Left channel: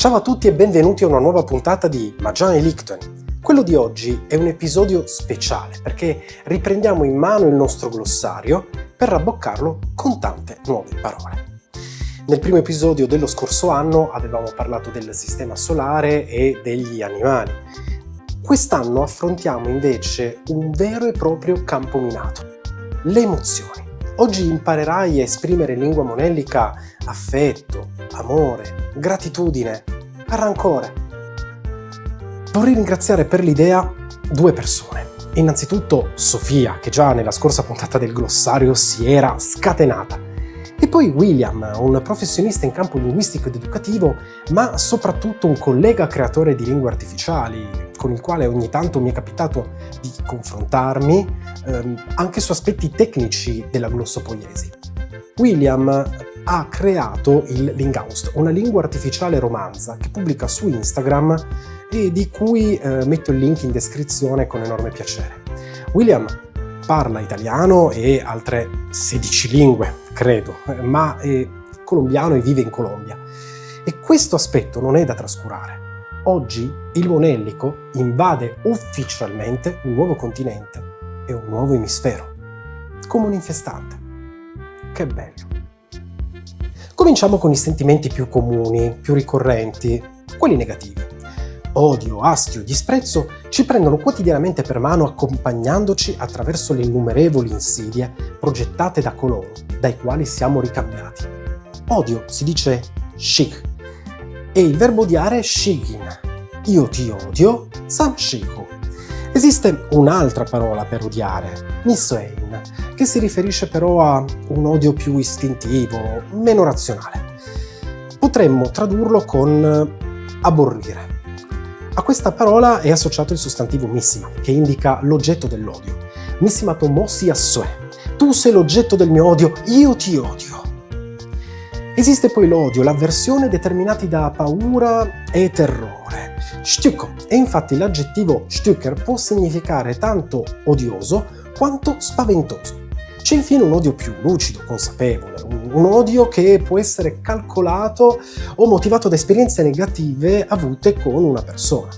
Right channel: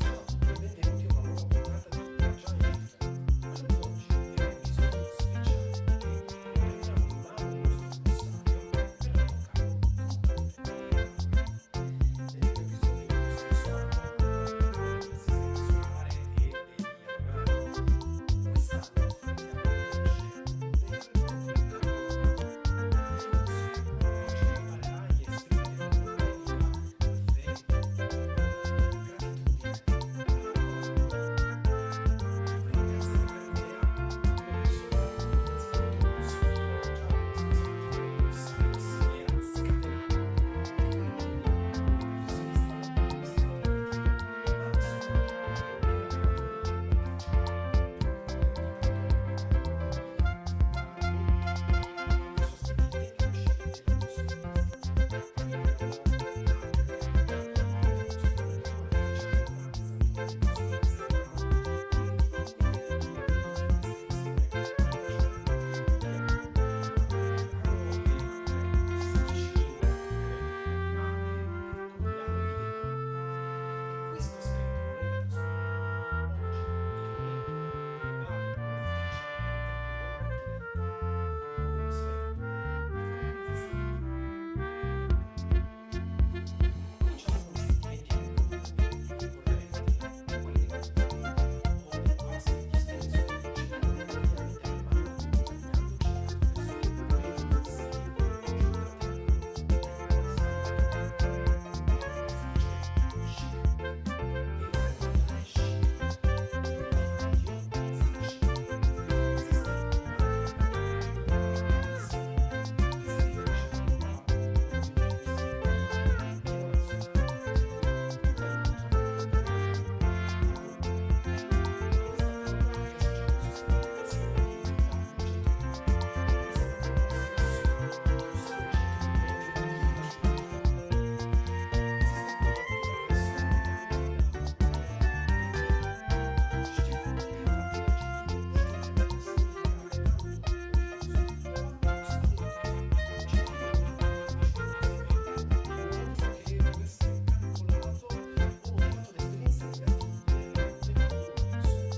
Ciao a tutti e benvenuti a una nuova puntata di Magiane Lichten. Quello di oggi è un episodio speciale perché riprendiamo in mano il nostro glossario per rabboccarlo con tante nuove parole. Nel primo episodio dello scorso anno avevamo parlato del sistema solare e degli animali. Quest'anno affrontiamo invece un vero e proprio campo minato, le emozioni. Oggi imparerai a esprimere in lingua monellica affetto, amore, gratitudine, rancore. Vorrei ringraziare per l'idea due persone. Innanzitutto Sofia, che già nella scorsa puntata del glossario si era scatenata. E poi William, un professionista in campo linguistico ed educativo, ma soprattutto un collega creatore di lingue artificiali, con il quale ogni tanto mi è capitato di confrontarmi anche su aspetti tecnici della glossopoiesi. William ha creato il Lingaust, una lingua artificiale romanza che pubblica su Instagram e di cui metto il link in descrizione con enorme piacere. William parla italiano e altre 16 lingue, credo, ma è colombiano e vive in Colombia. E questo aspetto non è da trascurare. Oggi il monellico invade ufficialmente un nuovo continente e un nuovo emisfero, come un infestante. Che bello! Cominciamo con i sentimenti più comuni, più ricorrenti, quelli negativi. Odio, astio, disprezzo ci prendono quotidianamente per mano accompagnandoci attraverso le innumerevoli insidie progettate da coloro dai quali siamo ricambiati. Odio si dice shik e il verbo odiare è shigin. Io ti odio, samshiku. Esiste un'altra parola per odiare, nisoein, che si riferisce però a un odio più istintivo, meno razionale. Potremmo tradurlo con aborrire. A questa parola è associato il sostantivo missima, che indica l'oggetto dell'odio. Missima tomosi assue. Tu sei l'oggetto del mio odio, io ti odio. Esiste poi l'odio, l'avversione determinati da paura e terrore. Stücko. E infatti l'aggettivo Stücker può significare tanto odioso quanto spaventoso. C'è infine un odio più lucido, consapevole, un odio che può essere calcolato o motivato da esperienze negative avute con una persona.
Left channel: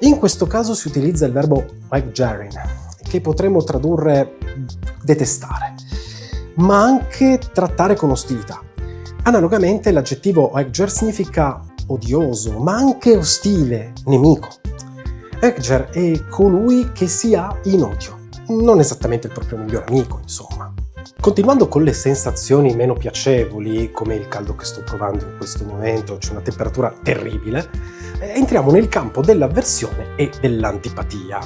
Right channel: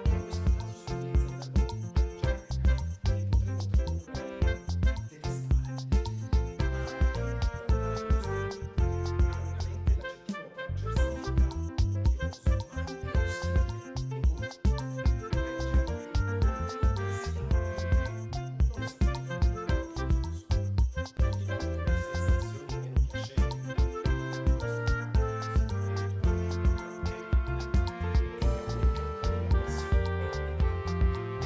In questo caso si utilizza il verbo weggjarin, che potremmo tradurre detestare, ma anche trattare con ostilità. Analogamente l'aggettivo weggjar significa odioso, ma anche ostile, nemico. Weggjar è colui che si ha in odio. Non esattamente il proprio miglior amico, insomma. Continuando con le sensazioni meno piacevoli, come il caldo che sto provando in questo momento, c'è una temperatura terribile, entriamo nel campo dell'avversione e dell'antipatia.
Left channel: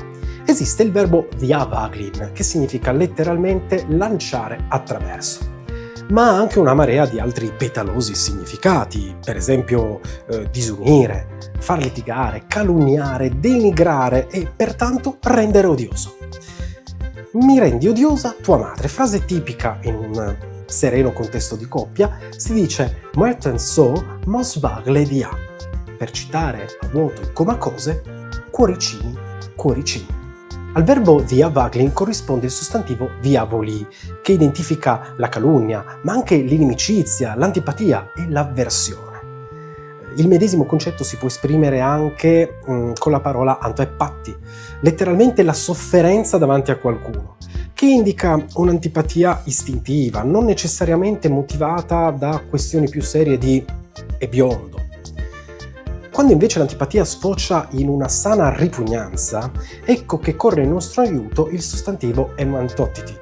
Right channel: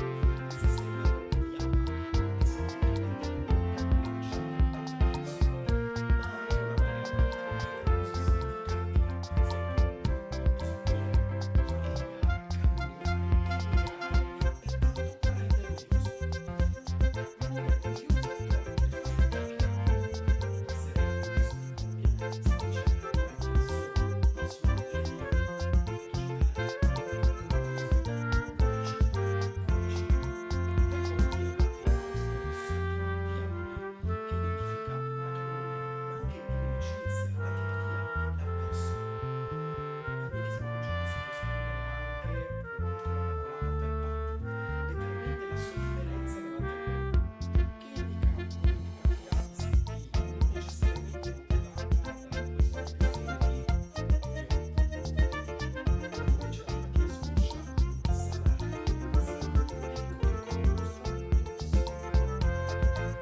Esiste il verbo viavaglin, che significa letteralmente lanciare attraverso, ma ha anche una marea di altri petalosi significati, per esempio disunire, far litigare, calunniare, denigrare e pertanto rendere odioso. Mi rendi odiosa tua madre, frase tipica in un sereno contesto di coppia, si dice "Möchten so mosvagle dia", per citare a vuoto in comacose, cuoricini, cuoricini. Al verbo viavaglin corrisponde il sostantivo viavoli, che identifica la calunnia, ma anche l'inimicizia, l'antipatia e l'avversione. Il medesimo concetto si può esprimere anche con la parola antoepatti, letteralmente la sofferenza davanti a qualcuno, che indica un'antipatia istintiva, non necessariamente motivata da questioni più serie di "è biondo". Quando invece l'antipatia sfocia in una sana ripugnanza, ecco che corre in nostro aiuto il sostantivo emantotiti.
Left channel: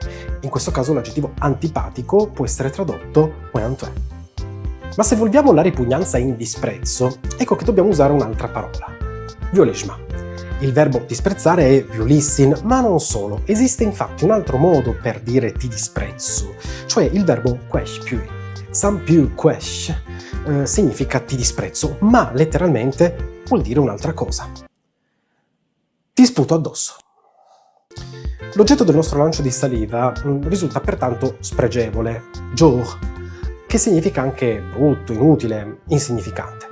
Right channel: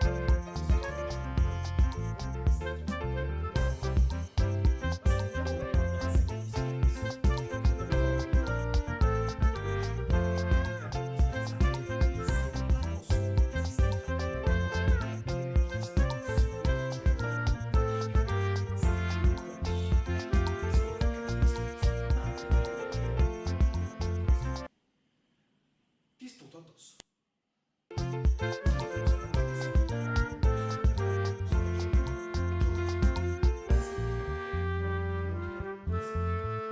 In questo caso l'aggettivo antipatico può essere tradotto oeantoi. Ma se volviamo la ripugnanza in disprezzo, ecco che dobbiamo usare un'altra parola, violishma. Il verbo disprezzare è violissin, ma non solo. Esiste infatti un altro modo per dire ti disprezzo, cioè il verbo quespiu. Sampiu quesh significa ti disprezzo, ma letteralmente vuol dire un'altra cosa. Ti sputo addosso. L'oggetto del nostro lancio di saliva risulta pertanto spregevole, jour, che significa anche brutto, inutile, insignificante.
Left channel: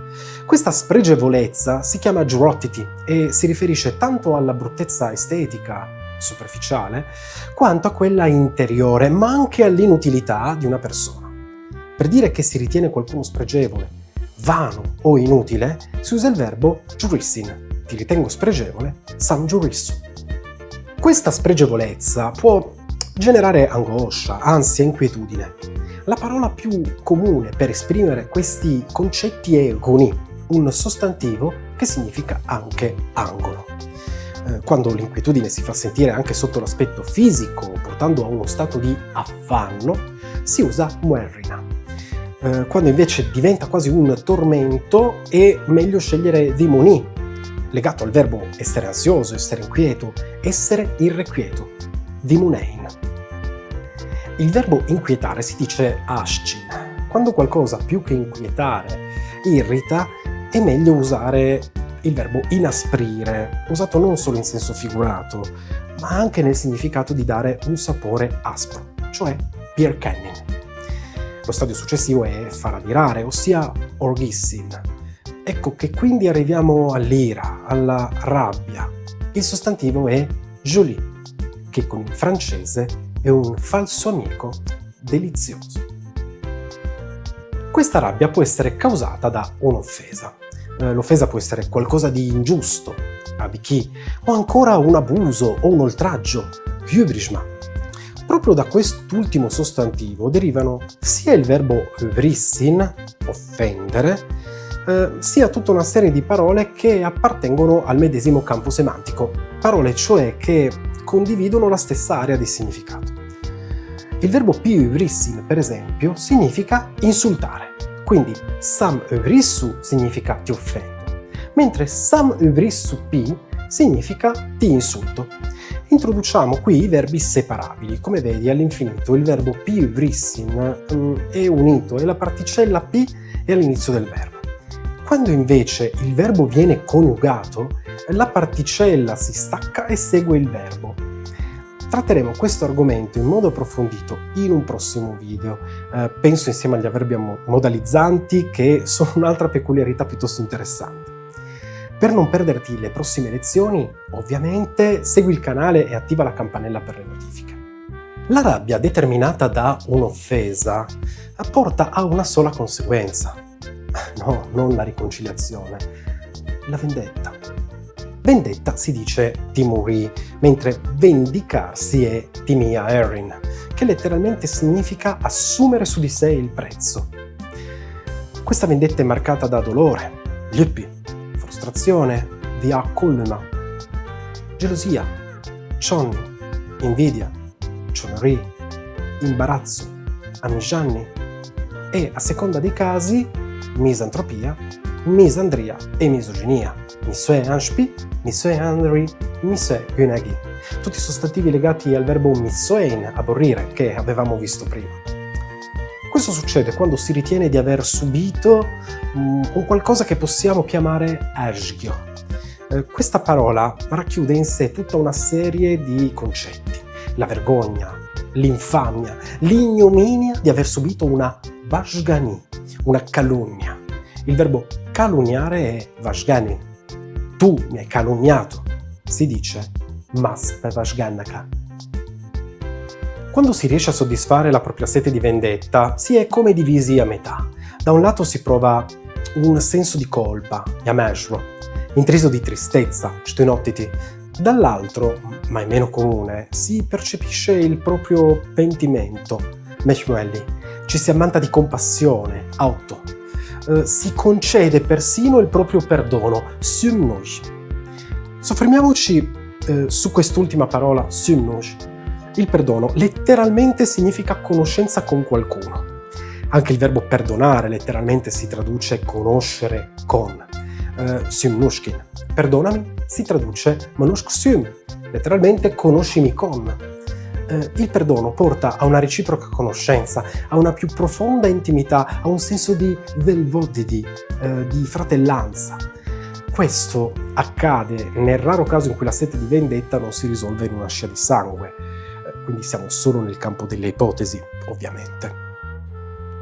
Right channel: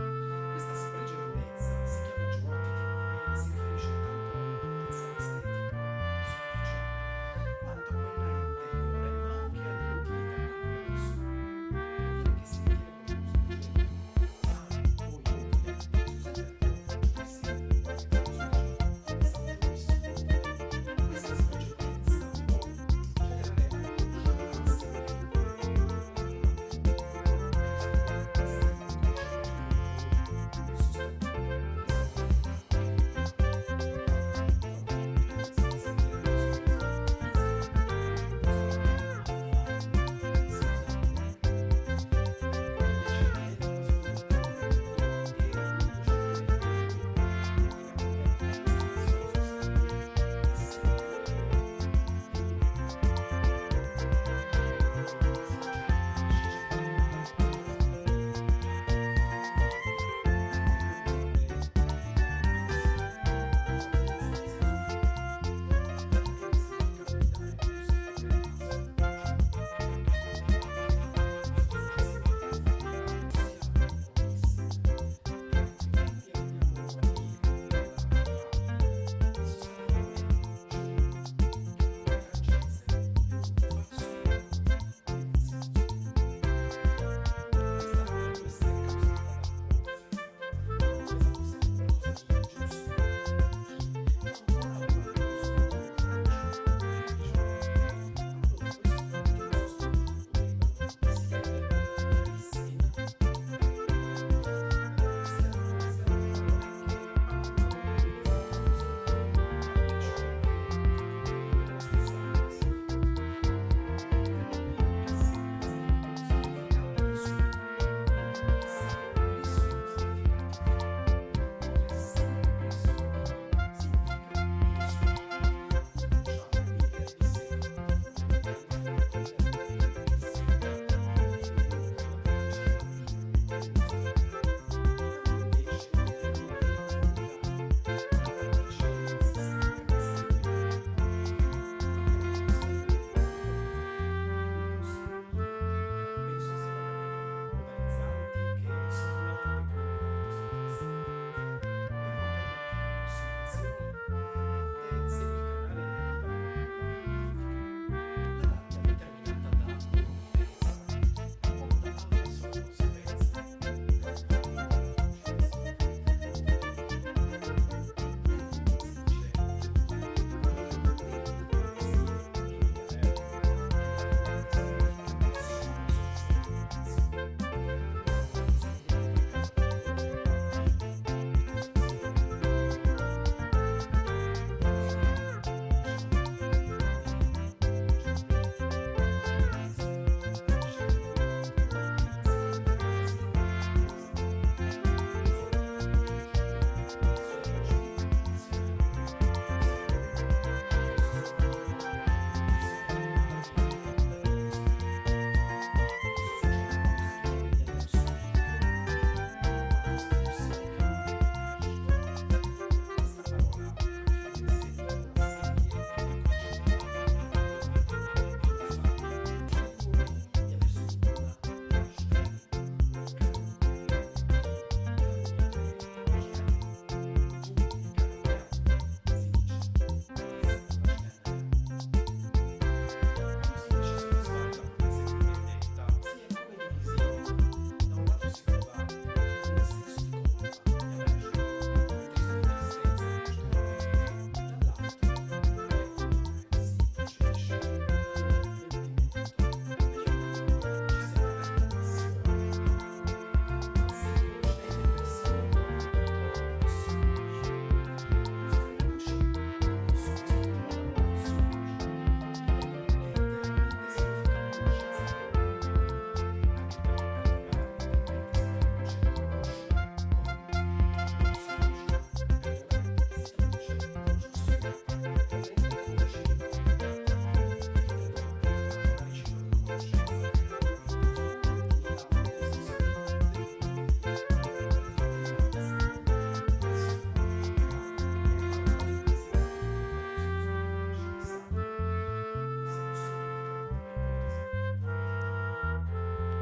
Questa spregevolezza si chiama giurottiti e si riferisce tanto alla bruttezza estetica, superficiale, quanto a quella interiore, ma anche all'inutilità di una persona. Per dire che si ritiene qualcuno spregevole, vano o inutile, si usa il verbo giurissin. Ti ritengo spregevole, sam giurissu. Questa spregevolezza può generare angoscia, ansia, inquietudine. La parola più comune per esprimere questi concetti è goni, un sostantivo che significa anche angolo. Quando l'inquietudine si fa sentire anche sotto l'aspetto fisico, portando a uno stato di affanno, si usa muerrina. Quando invece diventa quasi un tormento, è meglio scegliere dimoni, legato al verbo essere ansioso, essere inquieto, essere irrequieto, dimunein. Il verbo inquietare si dice ashcin. Quando qualcosa più che inquietare irrita, è meglio usare il verbo inasprire, usato non solo in senso figurato, ma anche nel significato di dare un sapore aspro, cioè pierkenning. Lo stadio successivo è far adirare, ossia orgissin. Ecco che quindi arriviamo all'ira, alla rabbia. Il sostantivo è jolie, che con il francese è un falso amico delizioso. Questa rabbia può essere causata da un'offesa. L'offesa può essere qualcosa di ingiusto, abiki, o ancora un abuso o un oltraggio, hybrishma. Proprio da quest'ultimo sostantivo derivano sia il verbo hybrissin, offendere, sia tutta una serie di parole che appartengono al medesimo campo semantico, parole cioè che condividono la stessa area di significato. Il verbo pi hybrissin, per esempio, significa insultare. Quindi sam hybrissu significa ti offendo, mentre sam hybrissu pi significa ti insulto. Introduciamo qui i verbi separabili. Come vedi all'infinito il verbo pi hybrissin è unito e la particella pi è all'inizio del verbo. Quando invece il verbo viene coniugato, la particella si stacca e segue il verbo. Tratteremo questo argomento in modo approfondito in un prossimo video. Penso insieme agli avverbi modalizzanti, che sono un'altra peculiarità piuttosto interessante. Per non perderti le prossime lezioni, ovviamente segui il canale e attiva la campanella per le notifiche. La rabbia determinata da un'offesa porta a una sola conseguenza. No, non la riconciliazione, la vendetta. Vendetta si dice timuri, mentre vendicarsi è timia erin, che letteralmente significa assumere su di sé il prezzo. Questa vendetta è marcata da dolore, lippi, frustrazione, viakulma, gelosia, chonni, invidia, chonri, imbarazzo, amijanni e, a seconda dei casi, misantropia, misandria e misoginia, misue anshpi, misue andri, misue gunagi, tutti sostantivi legati al verbo misoein, aborrire, che avevamo visto prima. Questo succede quando si ritiene di aver subito un qualcosa che possiamo chiamare ashgyo. Questa parola racchiude in sé tutta una serie di concetti: la vergogna, l'infamia, l'ignominia di aver subito una vashgani, una calunnia. Il verbo calunniare è vashgani. Tu mi hai calunniato, si dice mas vashganaka. Quando si riesce a soddisfare la propria sete di vendetta, si è come divisi a metà. Da un lato si prova un senso di colpa, yameshro, intriso di tristezza, shtenotiti. Dall'altro, ma è meno comune, si percepisce il proprio pentimento, meshmuelli. Ci si ammanta di compassione, auto. Si concede persino il proprio perdono, symnoj. Soffermiamoci su quest'ultima parola, symnoj. Il perdono letteralmente significa conoscenza con qualcuno. Anche il verbo perdonare letteralmente si traduce conoscere con. Symnushkin. Perdonami si traduce manushk sym, letteralmente conoscimi con. Il perdono porta a una reciproca conoscenza, a una più profonda intimità, a un senso di velvodidi, di fratellanza. Questo accade nel raro caso in cui la sete di vendetta non si risolve in una scia di sangue. Quindi siamo solo nel campo delle ipotesi, ovviamente.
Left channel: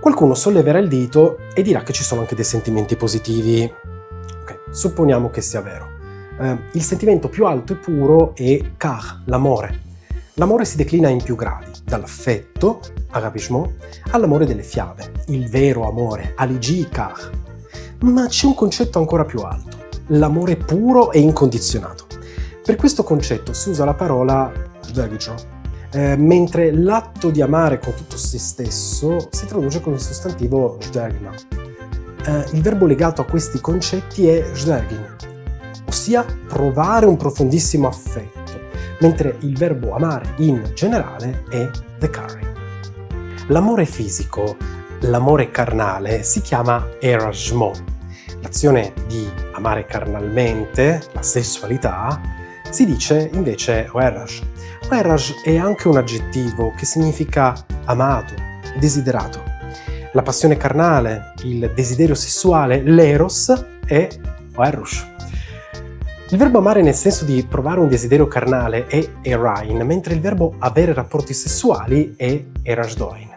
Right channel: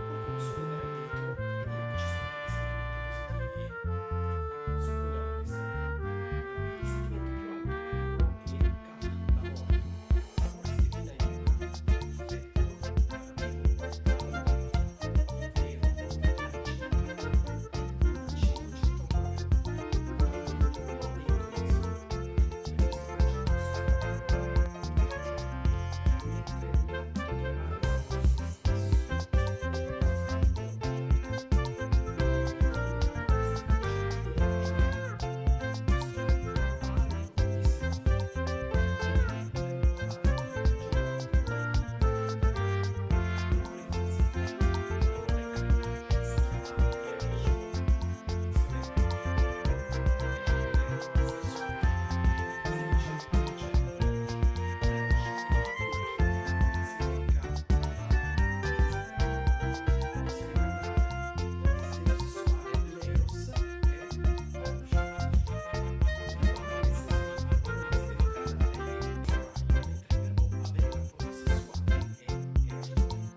Qualcuno solleverà il dito e dirà che ci sono anche dei sentimenti positivi. Ok, supponiamo che sia vero. Il sentimento più alto e puro è kar, l'amore. L'amore si declina in più gradi, dall'affetto, agapishmo, all'amore delle fiabe, il vero amore, aligi kar. Ma c'è un concetto ancora più alto, l'amore puro e incondizionato. Per questo concetto si usa la parola "jdagjo", mentre l'atto di amare con tutto se stesso si traduce con il sostantivo "jdagna". Il verbo legato a questi concetti è "jdagin", ossia provare un profondissimo affetto, mentre il verbo amare in generale è "dekari". L'amore fisico, l'amore carnale, si chiama erashmo. L'azione di amare carnalmente, la sessualità, si dice invece oerash. Oerash è anche un aggettivo che significa amato, desiderato. La passione carnale, il desiderio sessuale, l'eros, è oerush. Il verbo amare nel senso di provare un desiderio carnale è erain, mentre il verbo avere rapporti sessuali è erashdoin.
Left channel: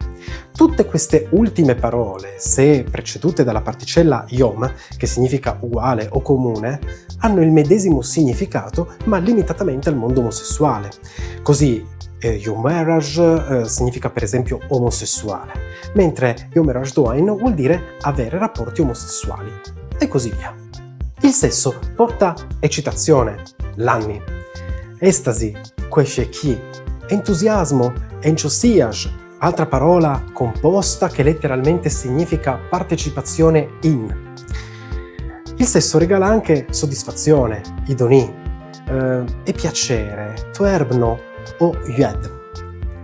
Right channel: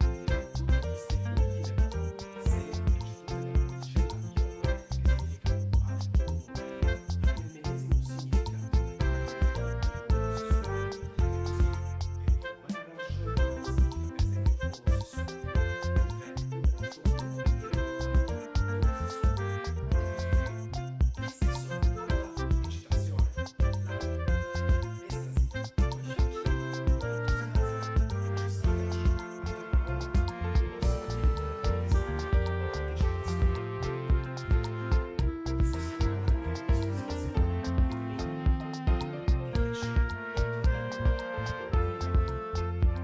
Tutte queste ultime parole, se precedute dalla particella yom, che significa uguale o comune, hanno il medesimo significato ma limitatamente al mondo omosessuale. Così yom eraj significa per esempio omosessuale, mentre yom erajdoin vuol dire avere rapporti omosessuali, e così via. Il sesso porta eccitazione, l'anni, estasi, quesheki, entusiasmo, entusiasm, altra parola composta che letteralmente significa partecipazione in. Il sesso regala anche soddisfazione, idoni, e piacere, tuerbno o yed.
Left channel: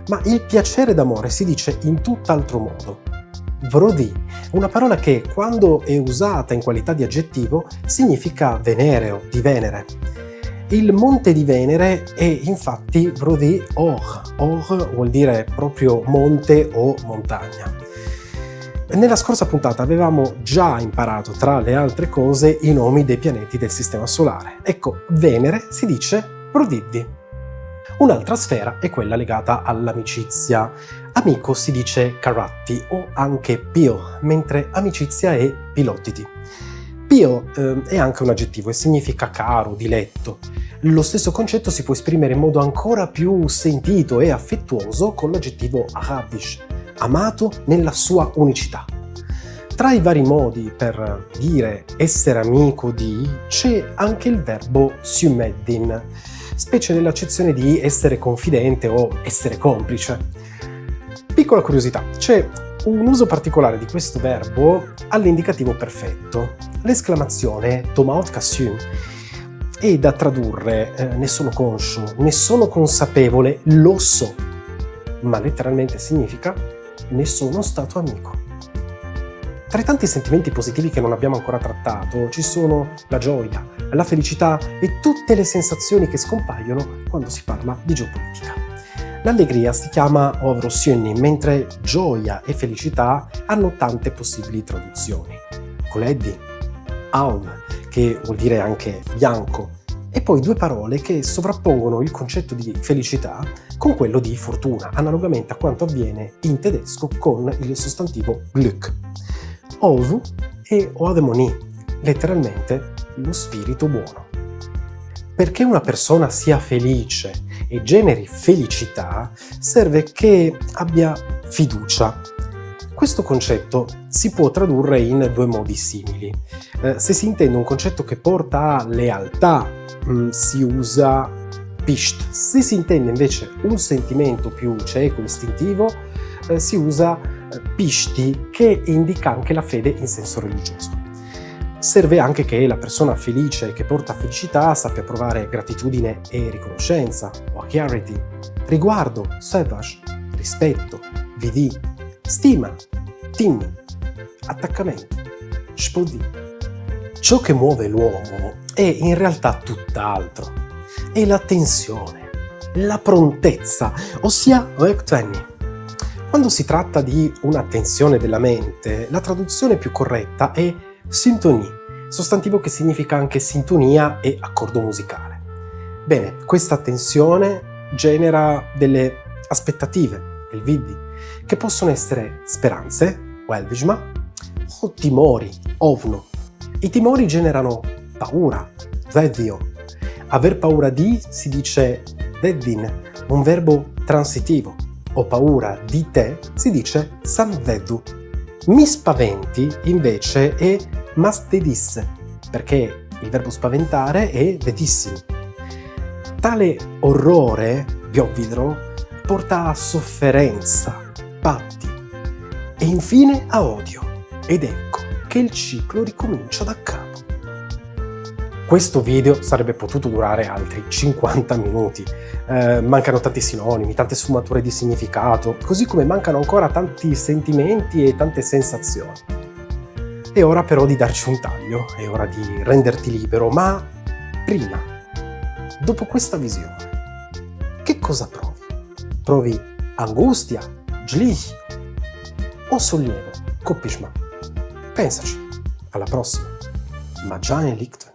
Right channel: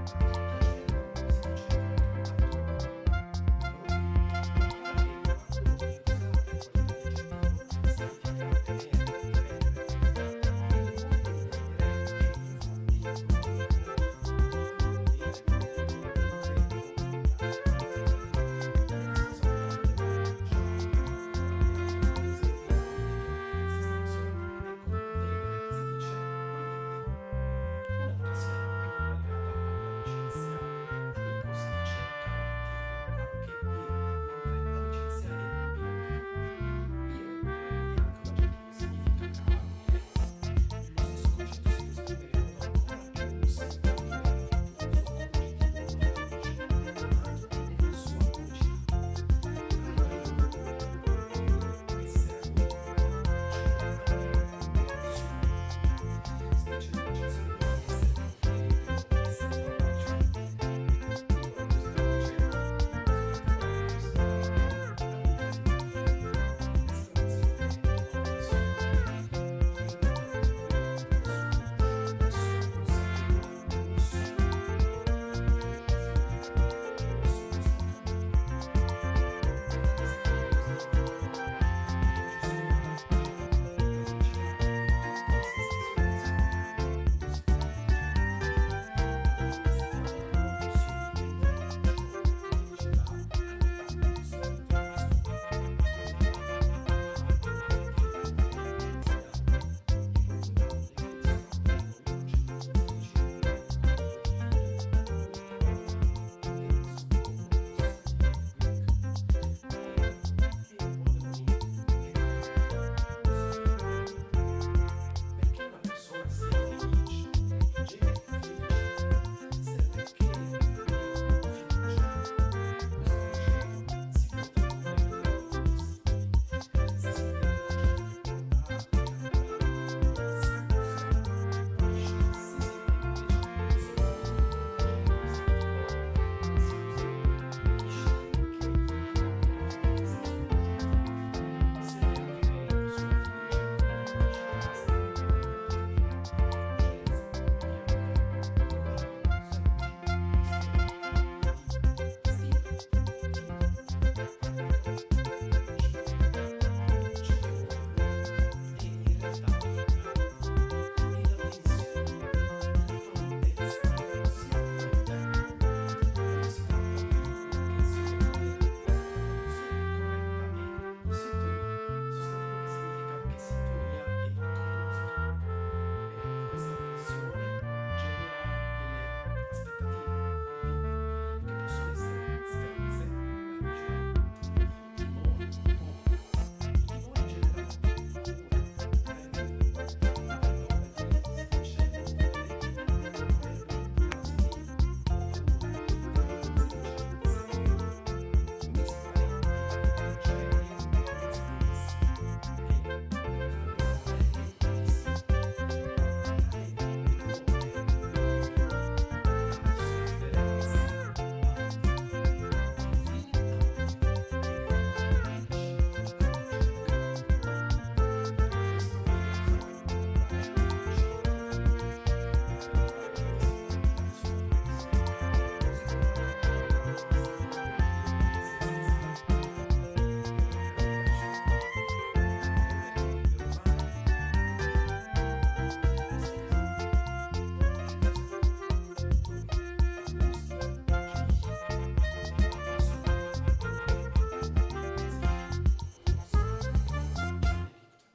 Ma il piacere d'amore si dice in tutt'altro modo. Vrodi, una parola che, quando è usata in qualità di aggettivo, significa venereo, di Venere. Il monte di Venere è infatti Vrodi Or. Or vuol dire proprio monte o montagna. Nella scorsa puntata avevamo già imparato, tra le altre cose, i nomi dei pianeti del Sistema Solare. Ecco, Venere si dice Vrodiddi. Un'altra sfera è quella legata all'amicizia. Amico si dice Karatti o anche Pio, mentre amicizia è Pilotiti. Pio è anche un aggettivo e significa caro, diletto. Lo stesso concetto si può esprimere in modo ancora più sentito e affettuoso con l'aggettivo Ahabish, amato nella sua unicità. Tra i vari modi per dire essere amico di c'è anche il verbo Syumeddin, specie nell'accezione di essere confidente o essere complice. Piccola curiosità, c'è un uso particolare di questo verbo all'indicativo perfetto, l'esclamazione Tomaot Kasyum, è da tradurre ne sono conscio, ne sono consapevole, lo so, ma letteralmente significa ne sono stato amico. Tra i tanti sentimenti positivi che non abbiamo ancora trattato ci sono la gioia, la felicità e tutte le sensazioni che scompaiono quando si parla di geopolitica. L'allegria si chiama Ovrosjönni, mentre gioia e felicità hanno tante possibili traduzioni. Koleddi, Aum, che vuol dire anche bianco, e poi due parole che sovrappongono il concetto di felicità con quello di fortuna, analogamente a quanto avviene in tedesco con il sostantivo Glück. Ovu e Oademoni, letteralmente lo spirito buono. Perché una persona sia felice e generi felicità, serve che abbia fiducia. Questo concetto si può tradurre in due modi simili. Se si intende un concetto che porta a lealtà, si usa pisht. Se si intende invece un sentimento più cieco, istintivo, si usa pishti, che indica anche la fede in senso religioso. Serve anche che la persona felice che porta felicità sappia provare gratitudine e riconoscenza, o charity, riguardo, sevash, rispetto, vidi, stima, tim, attaccamento, spodi. Ciò che muove l'uomo è in realtà tutt'altro. È la tensione, la prontezza, ossia rektvenni. Quando si tratta di una tensione della mente, la traduzione più corretta è sintonie, sostantivo che significa anche sintonia e accordo musicale. Bene, questa tensione genera delle aspettative, il vidi, che possono essere speranze, welbishma, o timori, ovno. I timori generano paura, vedio. Aver paura di si dice veddin, un verbo transitivo. Ho paura di te si dice samveddu. Mi spaventi invece è mastedisse, perché il verbo spaventare è vetissimo. Tale orrore, biovidro, porta a sofferenza, patti e infine a odio. Ed ecco che il ciclo ricomincia da capo. Questo video sarebbe potuto durare altri 50 minuti. Mancano tanti sinonimi, tante sfumature di significato, così come mancano ancora tanti sentimenti e tante sensazioni. È ora però di darci un taglio, è ora di renderti libero, ma prima, dopo questa visione, che cosa provi? Provi angustia, Schlich o sollievo, Kopfschmerz? Pensaci, alla prossima, ma già in Licht.